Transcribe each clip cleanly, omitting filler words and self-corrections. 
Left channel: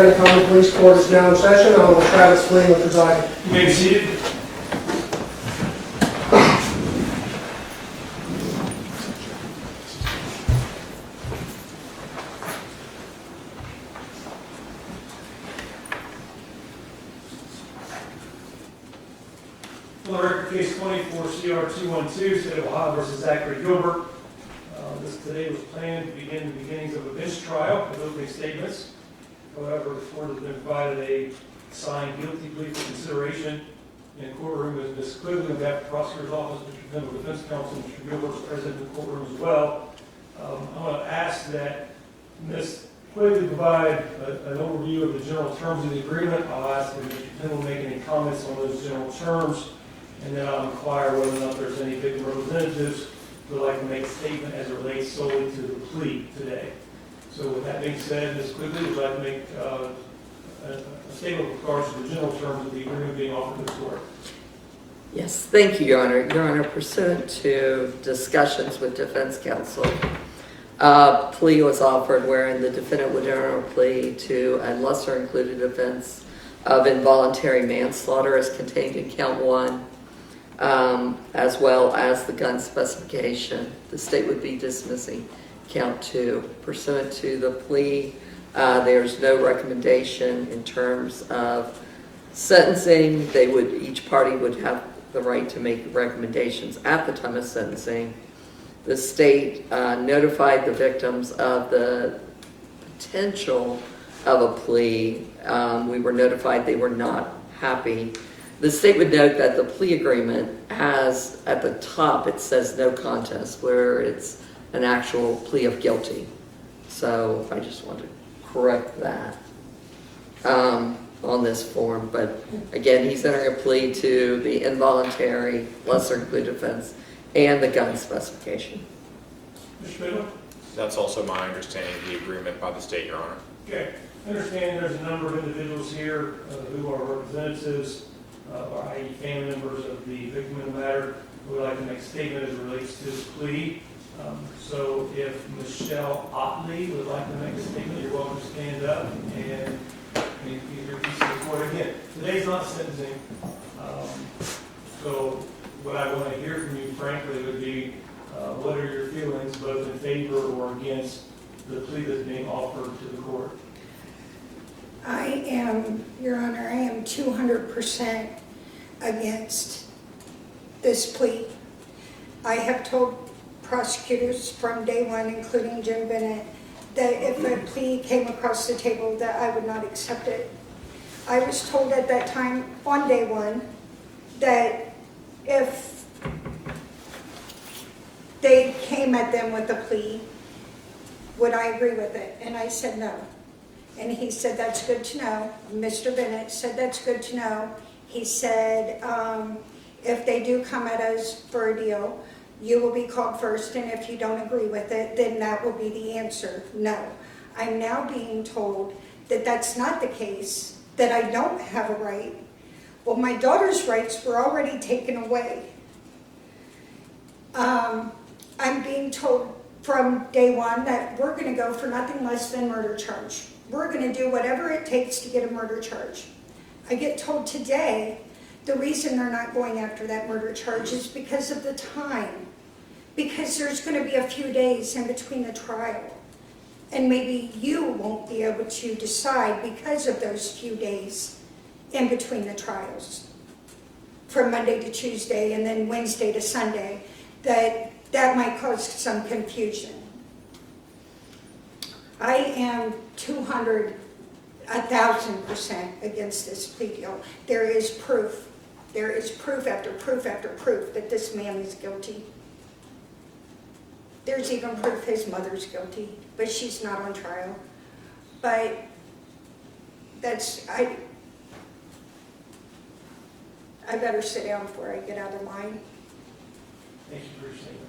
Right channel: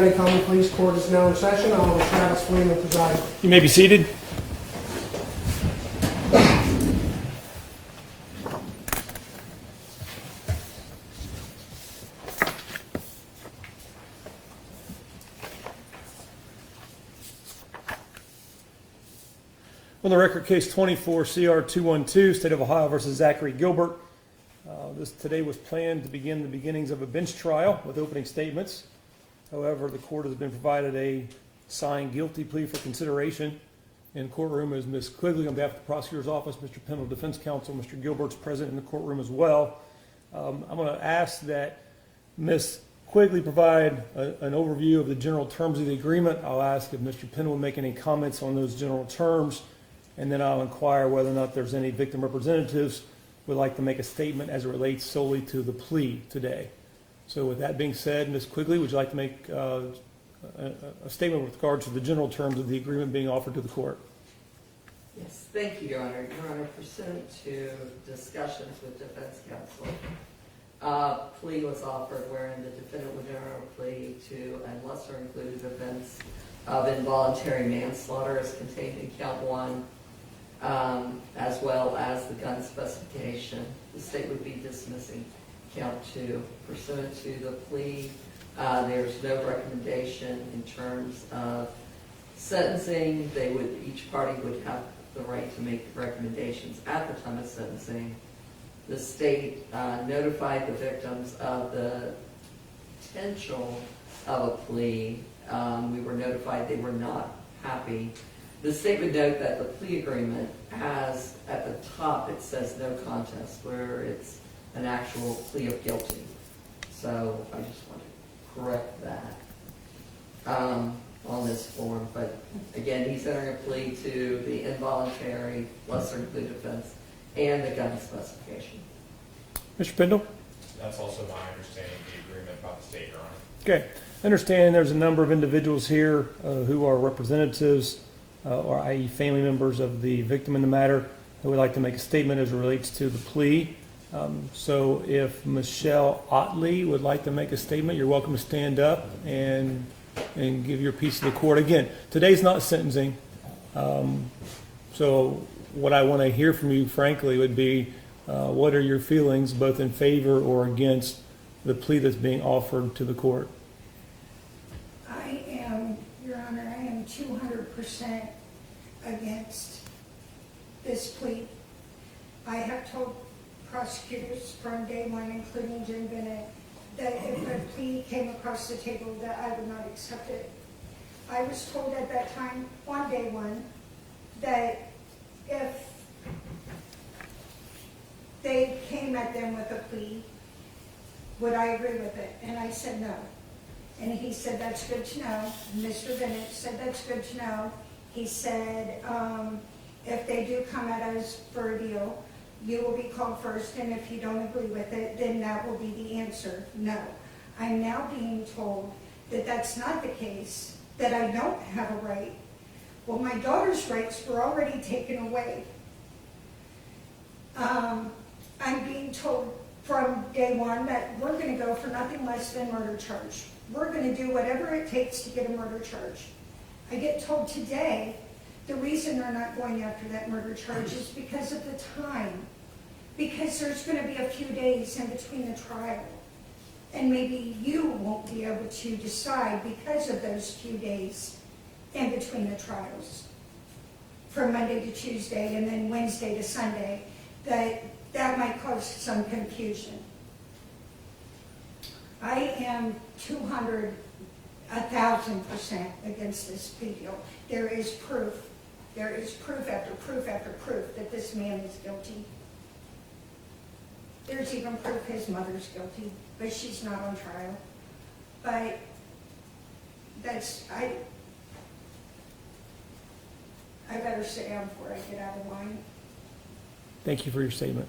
County Common Police Court is now in session. Honorable Travis Flynn will preside. You may be seated. On the record, case 24 CR 212, State of Ohio versus Zachery Gilbert. This today was planned to begin the beginnings of a bench trial with opening statements. However, the court has been provided a signed guilty plea for consideration. In the courtroom is Ms. Quigley on behalf of the prosecutor's office, Mr. Pendle, defense counsel, Mr. Gilbert's present in the courtroom as well. I'm going to ask that Ms. Quigley provide an overview of the general terms of the agreement. I'll ask if Mr. Pendle make any comments on those general terms, and then I'll inquire whether or not there's any victim representatives who would like to make a statement as it relates solely to the plea today. So with that being said, Ms. Quigley, would you like to make a statement with regard to the general terms of the agreement being offered to the court? Yes, thank you, Your Honor. Your Honor, pursuant to discussions with defense counsel, plea was offered wherein the defendant would enter a plea to a lesser included offense of involuntary manslaughter as contained in count 1, as well as the gun specification. The state would be dismissing count 2. Pursuant to the plea, there's no recommendation in terms of sentencing. Each party would have the right to make recommendations at the time of sentencing. The state notified the victims of the potential of a plea. We were notified they were not happy. The state would note that the plea agreement has, at the top, it says no contest, where it's an actual plea of guilty. So I just want to correct that on this form. But again, he's entering a plea to the involuntary lesser included offense and the gun specification. Mr. Pendle? That's also my understanding of the agreement by the state, Your Honor. Okay. I understand there's a number of individuals here who are representatives, or i.e. family members of the victim in the matter, who would like to make a statement as it relates to the plea. So if Michelle Otley would like to make a statement, you're welcome to stand up and give your piece to the court. Again, today's not sentencing. So what I want to hear from you, frankly, would be what are your feelings both in favor or against the plea that's being offered to the court? I am, Your Honor, I am 200% against this plea. I have told prosecutors from day one, including Jim Bennett, that if a plea came across the table that I would not accept it. I was told at that time, on day one, that if they came at them with a plea, would I agree with it? And I said no. And he said, that's good to know. Mr. Bennett said, that's good to know. He said, if they do come at us for a deal, you will be called first, and if you don't agree with it, then that will be the answer, no. I'm now being told that that's not the case, that I don't have a right. Well, my daughter's rights were already taken away. I'm being told from day one that we're going to go for nothing less than murder charge. We're going to do whatever it takes to get a murder charge. I get told today the reason they're not going after that murder charge is because of the time. Because there's going to be a few days in between the trial. And maybe you won't be able to decide because of those few days in between the trials. From Monday to Tuesday and then Wednesday to Sunday, that might cause some confusion. I am 1,000% against this plea deal. There is proof. There is proof after proof after proof that this man is guilty. There's even proof his mother's guilty, but she's not on trial. But I better sit down before I get out of line. Thank you for your statement.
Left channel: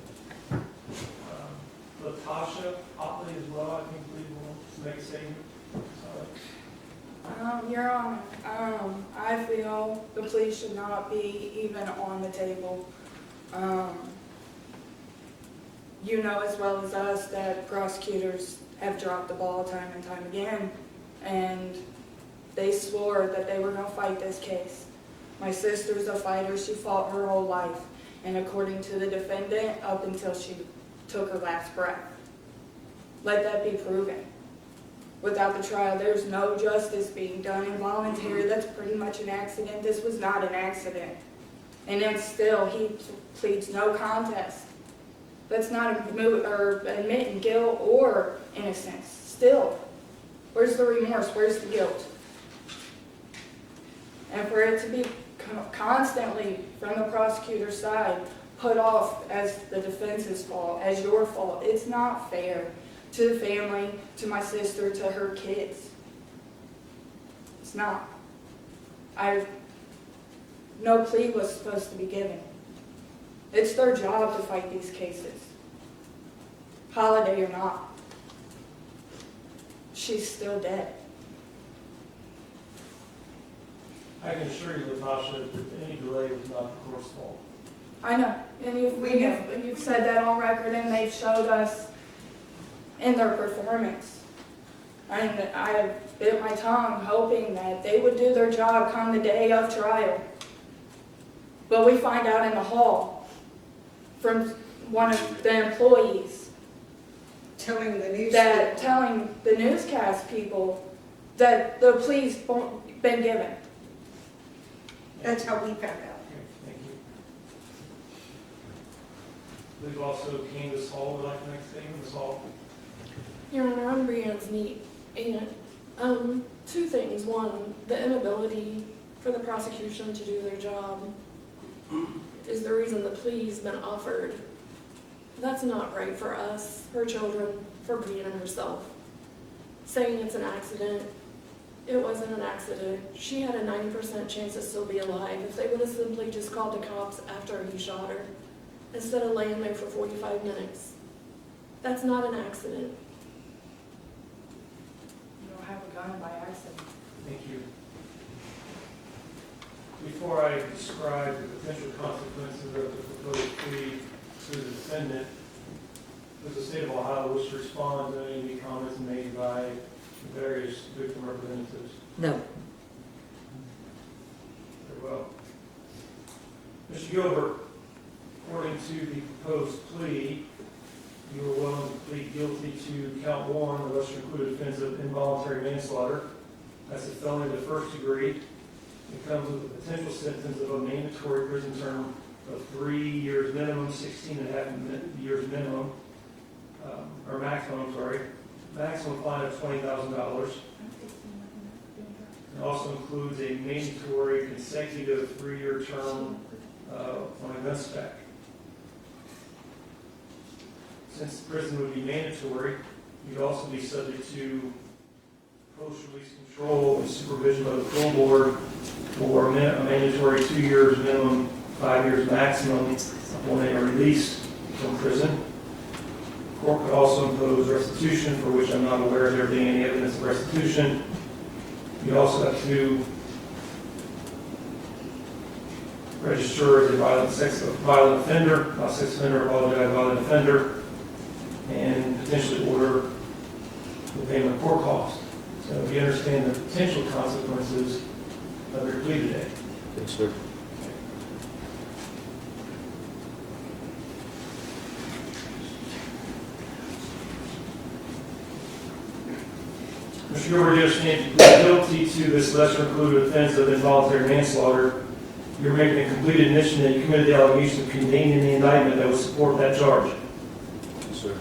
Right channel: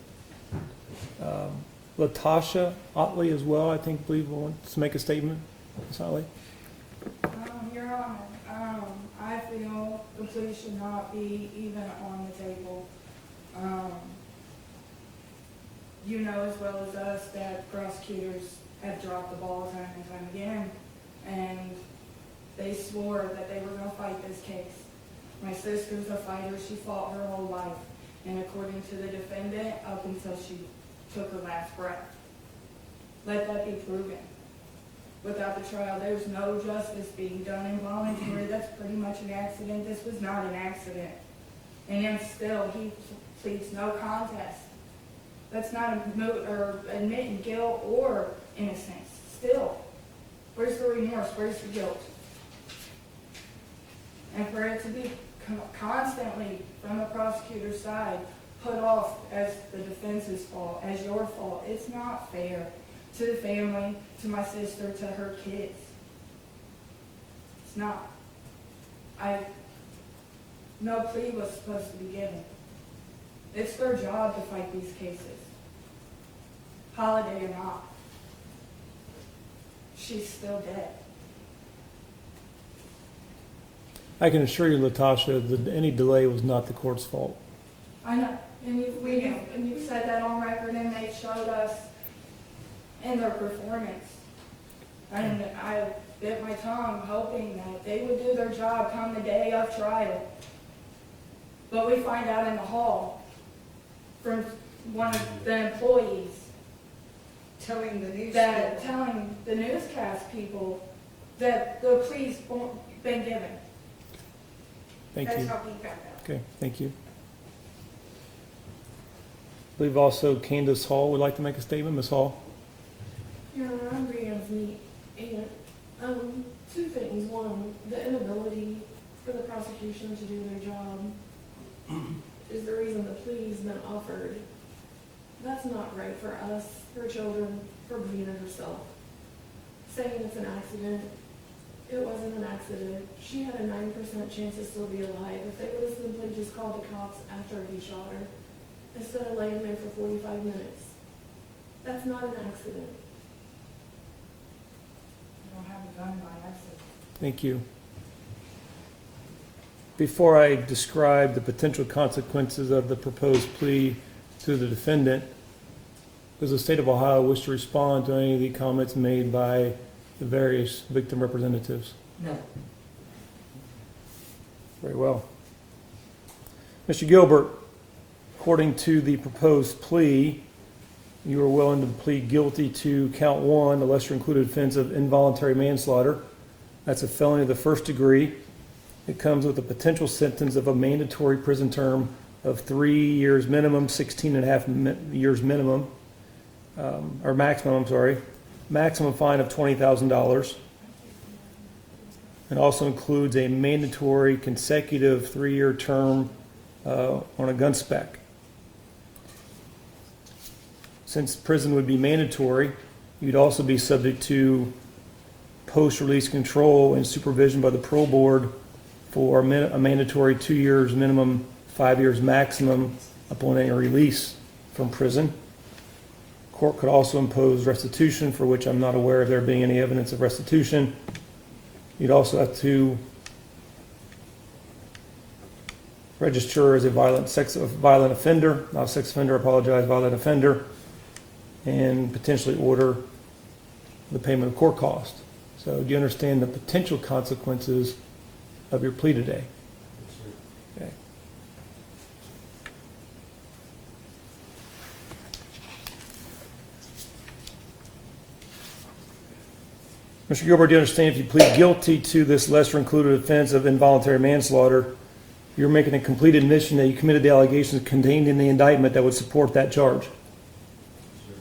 Latasha Otley as well, I think, wants to make a statement. Ms. Otley? Your Honor, I feel the plea should not be even on the table. You know as well as us that prosecutors have dropped the ball time and time again, and They swore that they were going to fight this case. My sister's a fighter. She fought her whole life. And according to the defendant, up until she took her last breath. Let that be proven. Without the trial, there's no justice being done. Involuntary, that's pretty much an accident. This was not an accident. And then still, he pleads no contest. That's not admitting guilt or innocence. Still, where's the remorse? Where's the guilt? And for it to be constantly, from the prosecutor's side, put off as the defense's fault, as your fault, it's not fair to the family, to my sister, to her kids. It's not. No plea was supposed to be given. It's their job to fight these cases. Holiday or not. She's still dead. I can assure you, Latasha, that any delay was not the court's fault. I know. And you've said that on record, and they've showed us in their performance. And I bit my tongue hoping that they would do their job come the day of trial. But we find out in the hall from one of the employees Telling the newscast people that the plea's been given. Thank That's you. how we found out. Okay, thank you. I believe also Candace Hall would like to make a statement. Ms. Hall? Your Honor, I'm Brianne's niece, and two things. One, the inability for the prosecution to do their job is the reason the plea's been offered. That's not right for us, her children, for Brianne herself. Saying it's an accident, it wasn't an accident. She had a 90% chance to still be alive if they would have simply just called the cops after he shot her, instead of laying there for 45 minutes. That's not an accident. You don't have a gun by accident. Thank you. Before I describe the potential consequences of the proposed plea to the defendant, does the state of Ohio wish to respond to any of the comments made by the various victim representatives? No. Very well. Mr. Gilbert, according to the proposed plea, you are willing to plead guilty to count 1, the lesser included offense of involuntary manslaughter. That's a felony of the first degree. It comes with a potential sentence of a mandatory prison term of 3 years minimum, 16 and a half years minimum, or maximum, I'm sorry, maximum fine of $20,000. It also includes a mandatory consecutive 3-year term on a gun spec. Since prison would be mandatory, you'd also be subject to post-release control and supervision by the parole board for a mandatory 2 years minimum, 5 years maximum upon any release from prison. The court could also impose restitution, for which I'm not aware of there being any evidence of restitution. You'd also have to register as a violent offender, not sex offender, violent offender, and potentially order the payment of court costs. So do you understand the potential consequences of your plea today? Yes, sir. Mr. Gilbert, do you understand if you plead guilty to this lesser included offense of involuntary manslaughter, you're making a complete admission that you committed the allegations contained in the indictment that would support that charge? Yes, sir.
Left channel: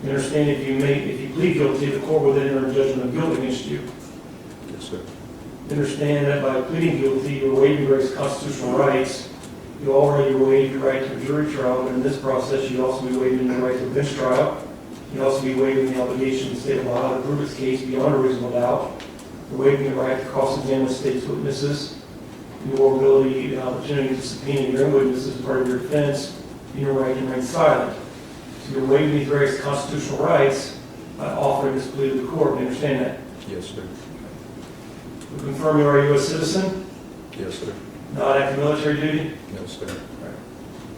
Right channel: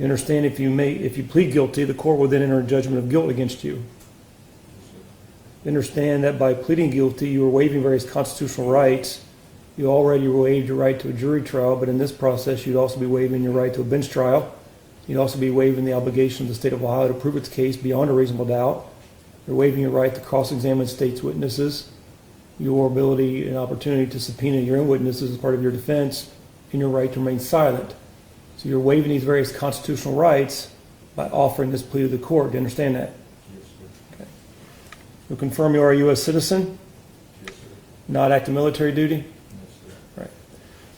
You understand if you plead guilty, the court will then enter a judgment of guilt against you? Yes, sir. You understand that by pleading guilty, you are waiving various constitutional rights. You already waived your right to a jury trial, but in this process, you'd also be waiving your right to a bench trial. You'd also be waiving the obligation of the state of Ohio to prove its case beyond a reasonable doubt. You're waiving the right to cross-examine the state's witnesses, your ability and opportunity to subpoena your witnesses as part of your defense, and your right to remain silent. So you're waiving these various constitutional rights by offering this plea to the court. Do you understand that? Yes, sir. We confirm you are a U.S. citizen, Yes, sir. not active military duty. No, sir.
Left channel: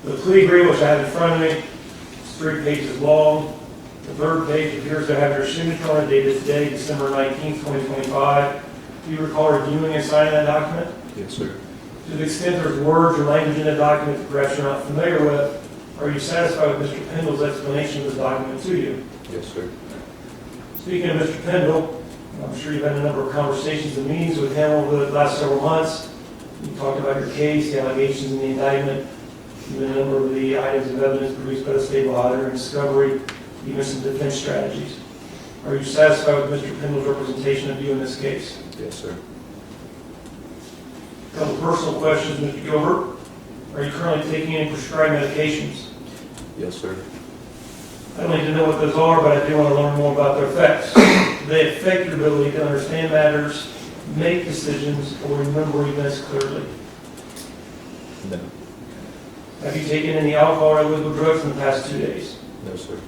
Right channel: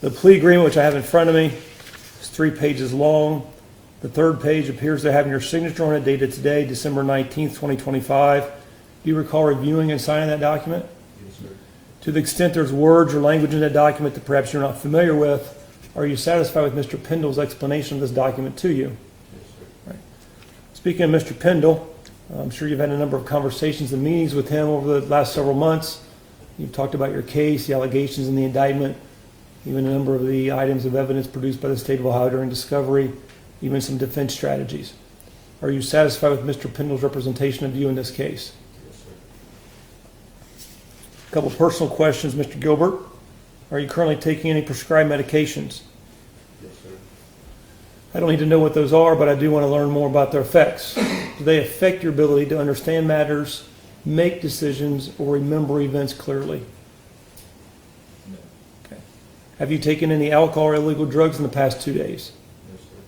The plea agreement, which I have in front of me, is 3 pages long. The third page appears to have your signature on it, dated today, December 19th, 2025. Do you recall reviewing and signing that document? Yes, sir. To the extent there's words or language in that document that perhaps you're not familiar with, are you satisfied with Mr. Pendle's explanation of this document to you? Yes, sir. Speaking of Mr. Pendle, I'm sure you've had a number of conversations and meetings with him over the last several months. You talked about your case, the allegations in the indictment, even a number of the items of evidence produced by the state of Ohio during discovery, even some defense strategies. Are you satisfied with Mr. Pendle's representation of you in this case? Yes, sir. A couple of personal questions, Mr. Gilbert. Are you currently taking any prescribed medications? Yes, sir. I don't need to know what those are, but I do want to learn more about their effects. Do they affect your ability to understand matters, make decisions, or remember events clearly? No. Have you taken any alcohol or illegal drugs in the past 2 days? No, sir.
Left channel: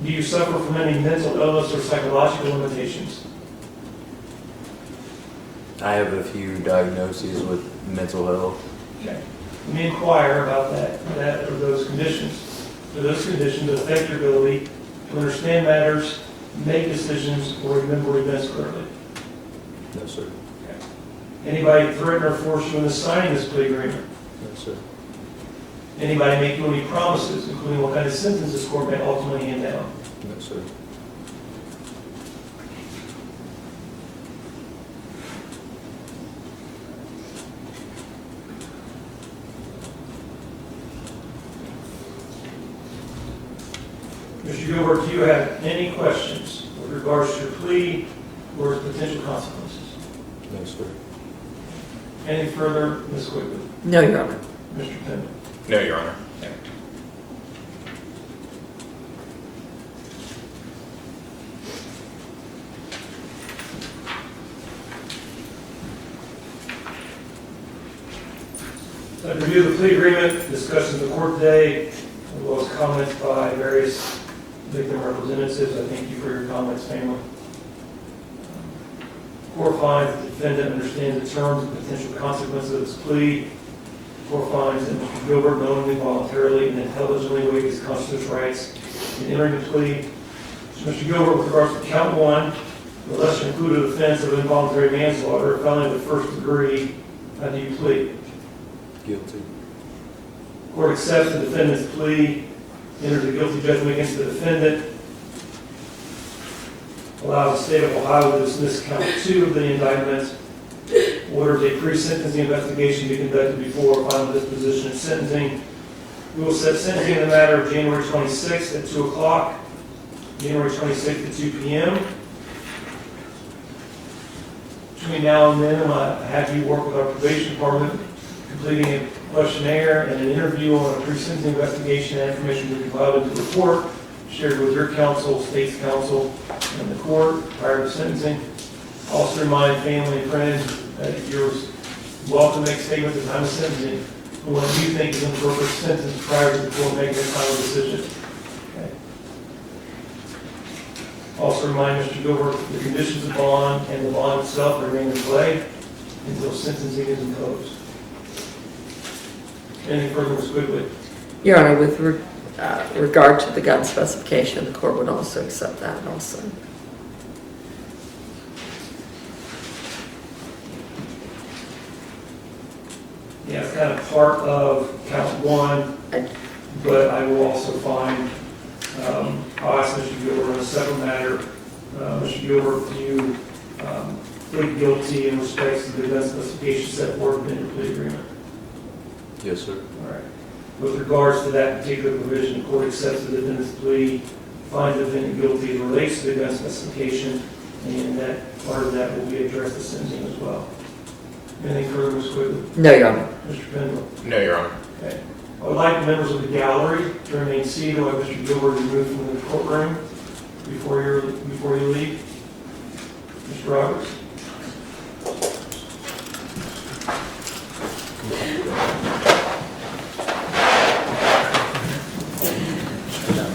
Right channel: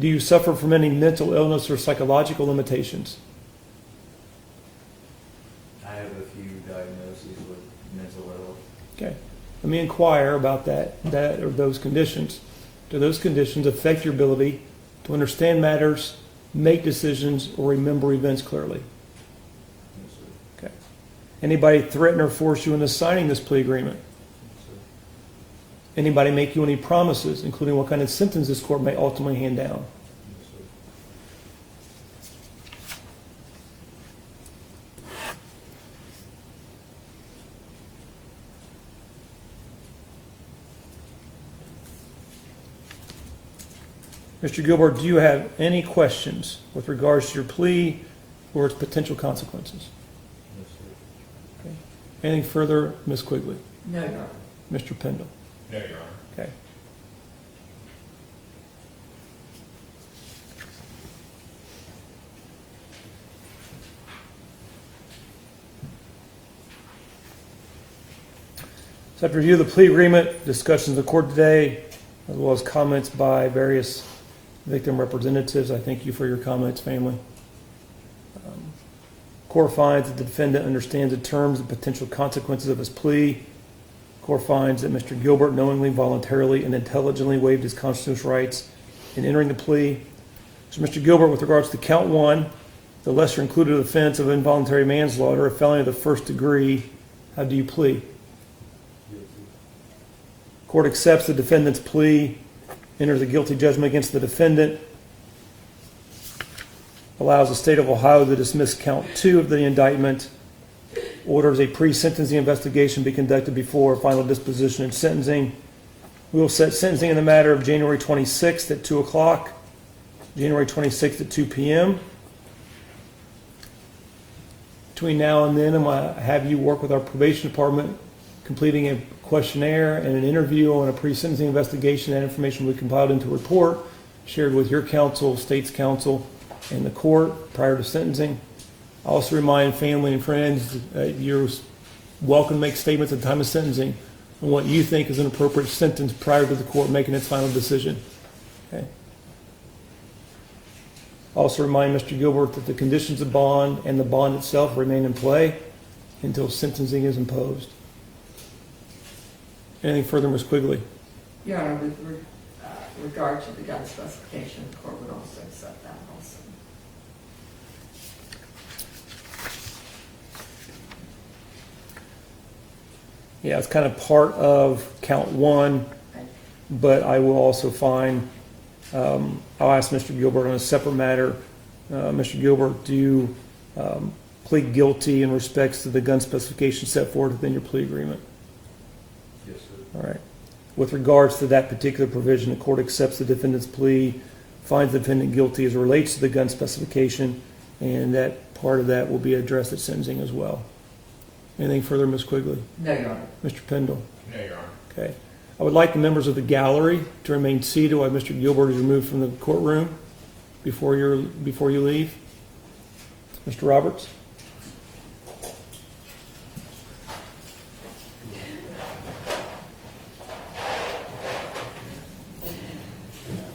Do you suffer from any mental illness or psychological limitations? I have a few diagnoses with mental health. Okay. Let me inquire about that or those conditions. Do those conditions affect your ability to understand matters, make decisions, or remember events clearly? No, sir. Okay. Anybody threaten or force you into signing this plea agreement? No, sir. Anybody make you any promises, including what kind of sentence this court may ultimately hand down? No, sir. Mr. Gilbert, do you have any questions with regards to your plea or its potential consequences? No, sir. Any further, Ms. Quigley? No, Your Honor. Mr. Pendle? No, Your Honor. Okay. After review of the plea agreement, discussions in the court today, as well as comments by various victim representatives, I thank you for your comments, family. Court finds that the defendant understands the terms and potential consequences of his plea. Court finds that Mr. Gilbert knowingly, voluntarily, and intelligently waived his constitutional rights in entering the plea. So Mr. Gilbert, with regards to count 1, the lesser included offense of involuntary manslaughter, a felony of the first degree, how do you plead? Guilty. Court accepts the defendant's plea, enters a guilty judgment against the defendant, allows the state of Ohio to dismiss count 2 of the indictment, orders a pre-sentencing investigation be conducted before final disposition and sentencing. We will set sentencing in the matter of January 26th at 2 o'clock, January 26th at 2 p.m. Between now and then, I'm going to have you work with our probation department, completing a questionnaire and an interview on a pre-sentencing investigation and information we compiled into the report, shared with your counsel, state's counsel, and the court prior to sentencing. Also remind family and friends that you're welcome to make statements at the time of sentencing on what you think is an appropriate sentence prior to the court making its final decision. Okay. Also remind Mr. Gilbert that the conditions of bond and the bond itself remain in play until sentencing is imposed. Any further, Ms. Quigley? Your Honor, with regard to the gun specification, the court would also accept that also. Yeah, it's kind of part of count 1, but I will also find, I'll ask Mr. Gilbert on a separate matter. Mr. Gilbert, do you plead guilty in respects to the gun specification set forth in your plea agreement? Yes, sir. All right. With regards to that particular provision, the court accepts the defendant's plea, finds the defendant guilty as it relates to the gun specification, and that part of that will be addressed at sentencing as well. Anything further, Ms. Quigley? No, Your Honor. Mr. Pendle? No, Your Honor. Okay. I would like the members of the gallery to remain seated while Mr. Gilbert is removed from the courtroom before you leave. Mr. Roberts?